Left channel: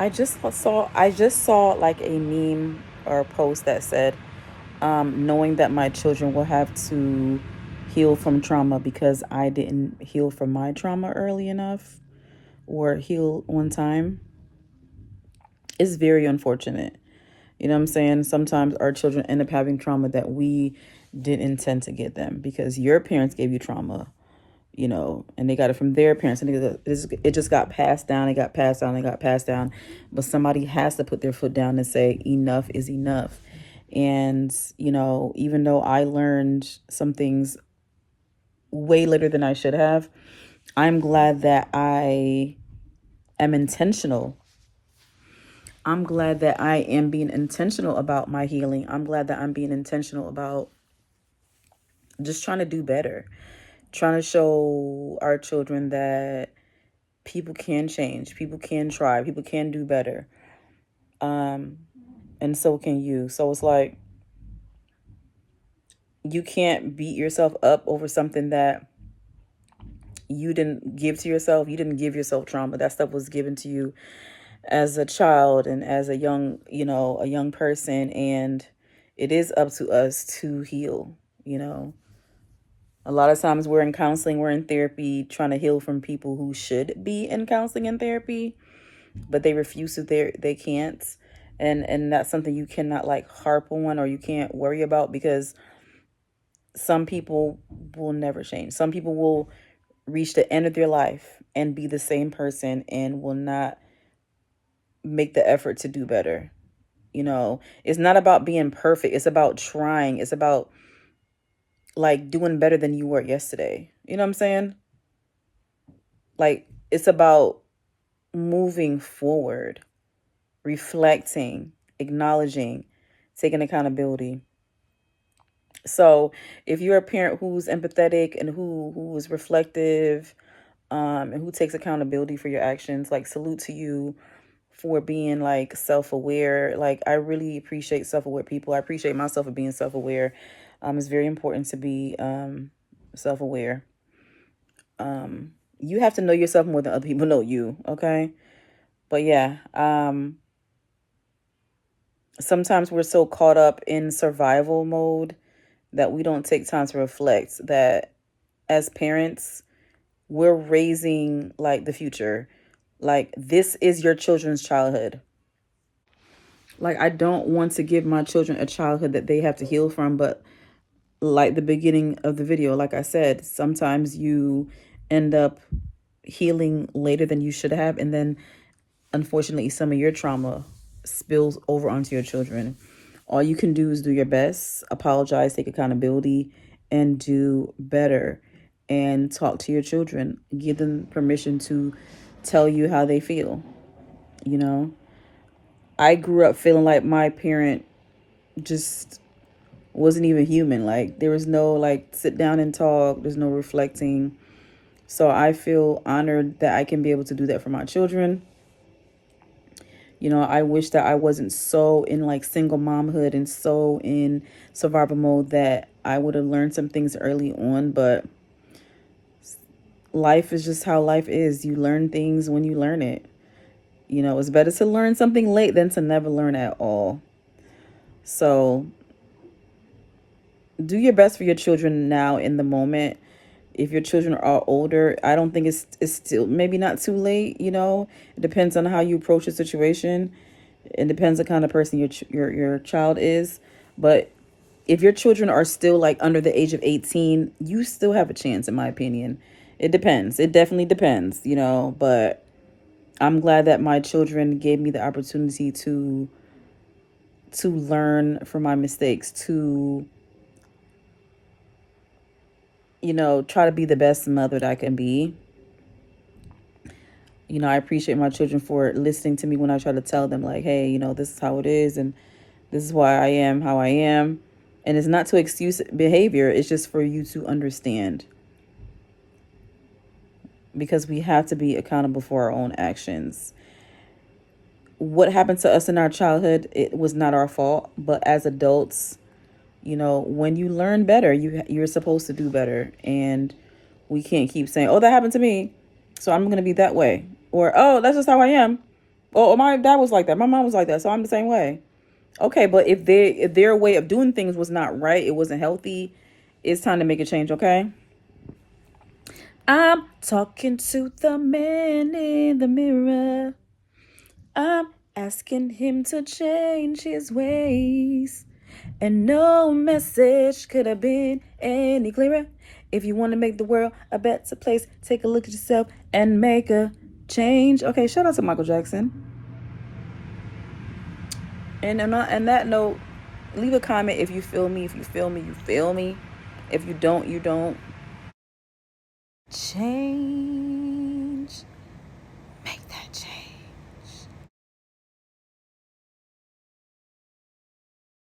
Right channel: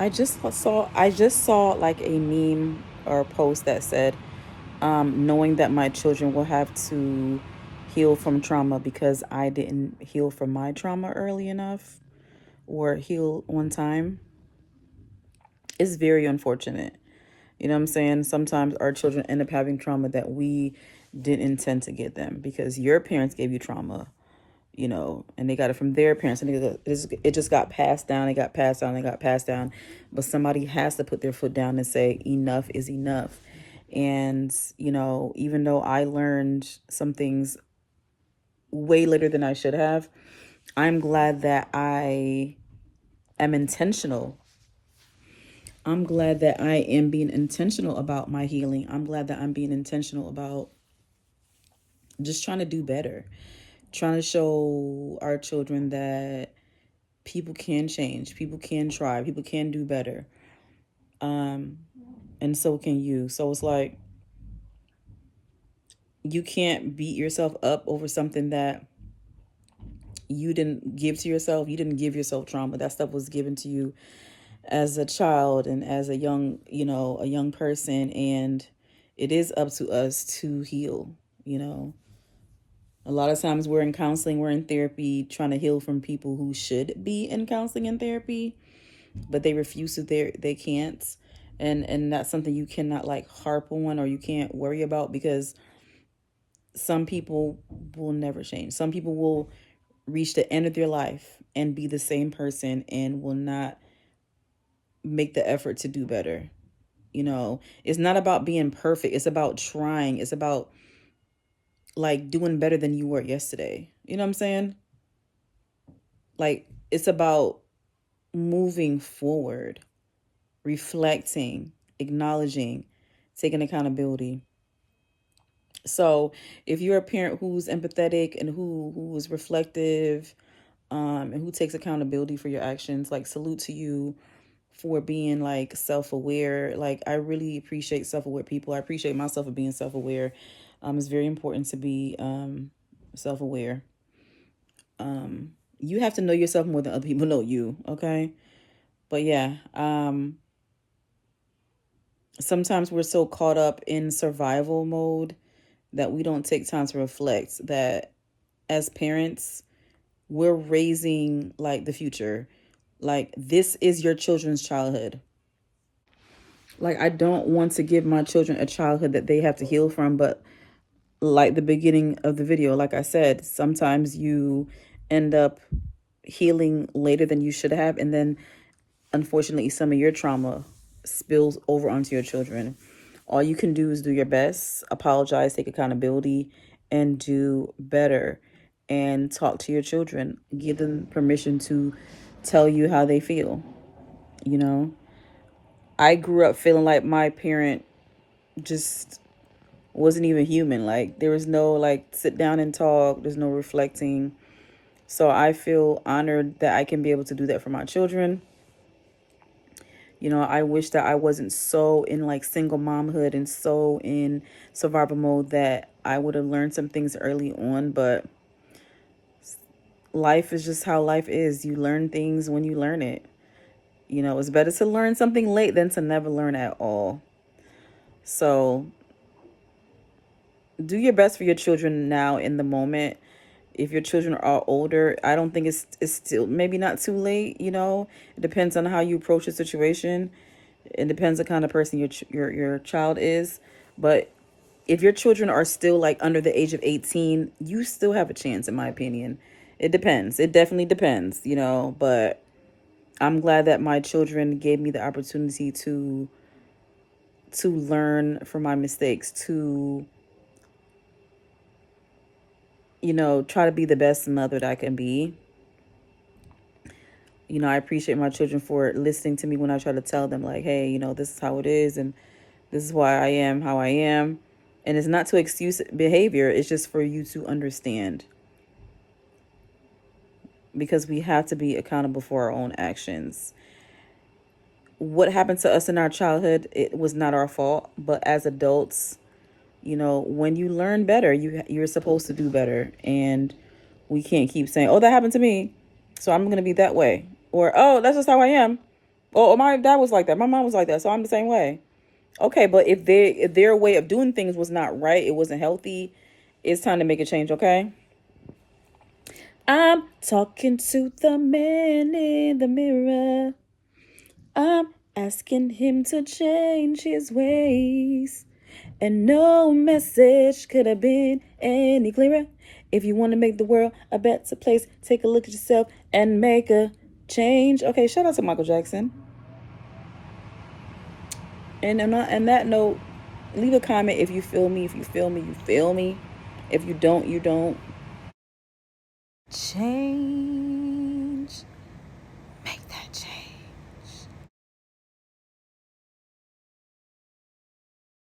I just saw like a meme or a post that said, knowing that my children will have to heal from trauma because I didn't heal from my trauma early enough or heal on time is very unfortunate. You know what I'm saying? Sometimes our children end up having trauma that we didn't intend to get them because your parents gave you trauma, and they got it from their parents, and it just got passed down. It got passed down. It got passed down. But somebody has to put their foot down and say enough is enough. And even though I learned some things way later than I should have, I'm glad that I am intentional. I'm glad that I am being intentional about my healing. I'm glad that I'm being intentional about just trying to do better, trying to show our children that people can change, people can try, people can do better. And so can you. So it's like, you can't beat yourself up over something that you didn't give to yourself. You didn't give yourself trauma. That stuff was given to you as a child and as a young person. And it is up to us to heal. A lot of times we're in counseling, we're in therapy, trying to heal from people who should be in counseling and therapy, but they refuse to. They can't. And that's something you cannot harp on, or you can't worry about, because some people will never change. Some people will reach the end of their life and be the same person and will not make the effort to do better. It's not about being perfect. It's about trying. It's about doing better than you were yesterday. You know what I'm saying? It's about moving forward, reflecting, acknowledging, taking accountability. So if you're a parent who's empathetic and who is reflective, and who takes accountability for your actions, salute to you for being self-aware. I really appreciate self-aware people. I appreciate myself for being self-aware. It's very important to be self-aware. You have to know yourself more than other people know you, okay? But yeah, sometimes we're so caught up in survival mode that we don't take time to reflect that as parents, we're raising the future. This is your children's childhood. I don't want to give my children a childhood that they have to heal from, but the beginning of the video, like I said, sometimes you end up healing later than you should have, and then unfortunately some of your trauma spills over onto your children. All you can do is do your best, apologize, take accountability, and do better. And talk to your children. Give them permission to tell you how they feel. I grew up feeling like my parent just wasn't even human. There was no sit down and talk. There's no reflecting. So I feel honored that I can be able to do that for my children. I wish that I wasn't so in single momhood and so in survival mode that I would have learned some things early on, but life is just how life is. You learn things when you learn it. It's better to learn something late than to never learn at all. So do your best for your children now in the moment. If your children are older, I don't think it's still maybe not too late. It depends on how you approach the situation. It depends on the kind of person your child is. But if your children are still under the age of 18, you still have a chance, in my opinion. It depends. It definitely depends, but I'm glad that my children gave me the opportunity to learn from my mistakes, to try to be the best mother that I can be. I appreciate my children for listening to me when I try to tell them hey, this is how it is, and this is why I am how I am. And it's not to excuse behavior. It's just for you to understand. Because we have to be accountable for our own actions. What happened to us in our childhood, it was not our fault. But as adults, when you learn better, you're supposed to do better. And we can't keep saying, oh, that happened to me, so I'm going to be that way. Or, oh, that's just how I am. Oh, my dad was like that. My mom was like that. So I'm the same way. Okay, but if their way of doing things was not right, it wasn't healthy, it's time to make a change, okay? I'm talking to the man in the mirror. I'm asking him to change his ways. And no message could have been any clearer. If you want to make the world a better place, take a look at yourself and make a change. Okay, shout out to Michael Jackson. And on that note, leave a comment if you feel me. If you feel me, you feel me. If you don't, you don't. Change.